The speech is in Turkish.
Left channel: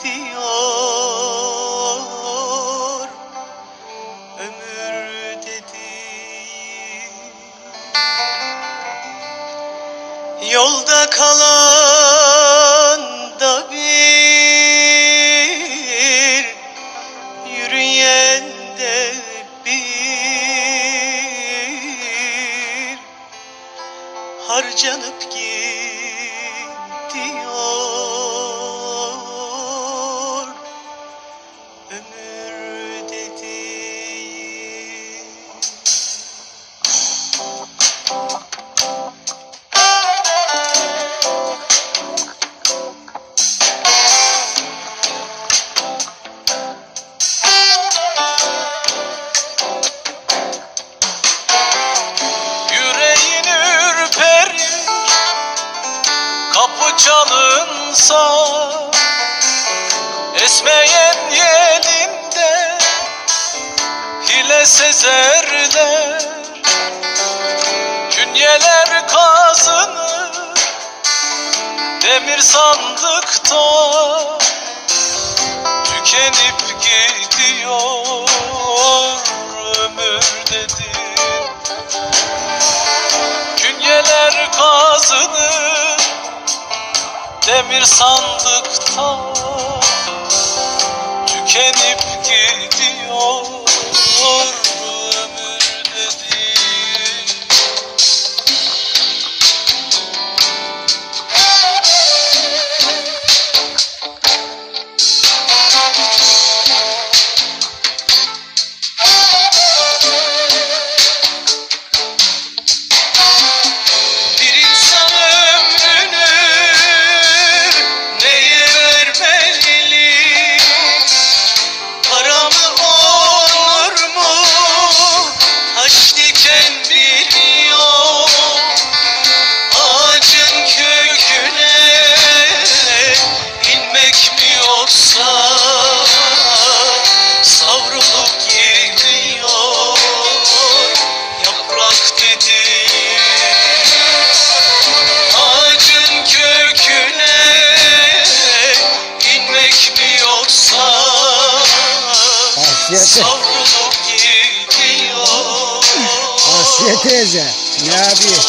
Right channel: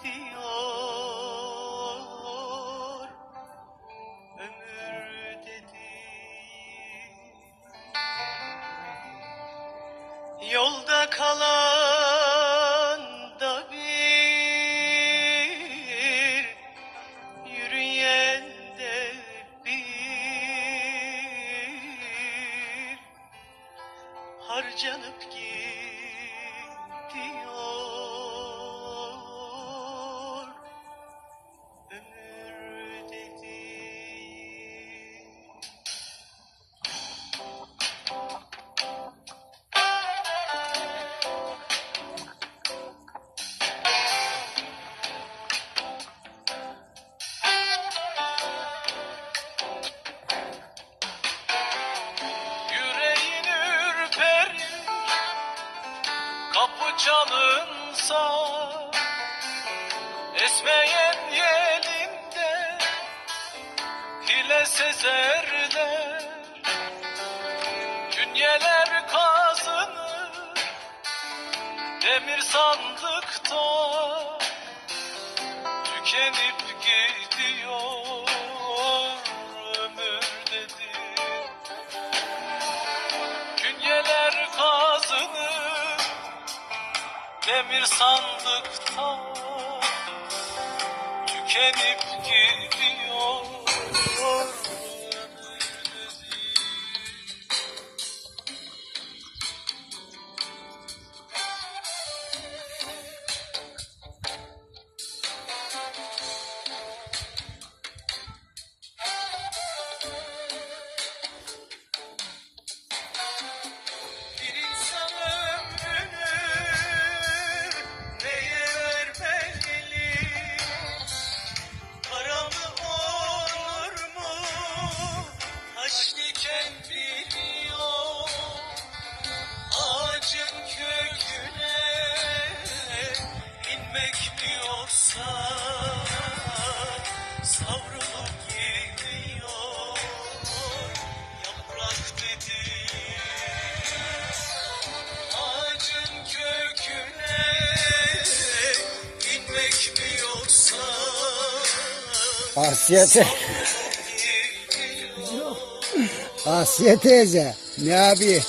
gidiyor. Ömür dediğim Yolda kalan da bir Yürüyen de bir. Harcanıp gidiyor contigo. Kapı çalınsa Esmeyen yelinde Hile sezerler Künyeler kazınır Demir sandıkta Tükenip gidiyor Demir sandıkta Tükenip gidiyor Asiye, Asiye teyze ne yapıyor?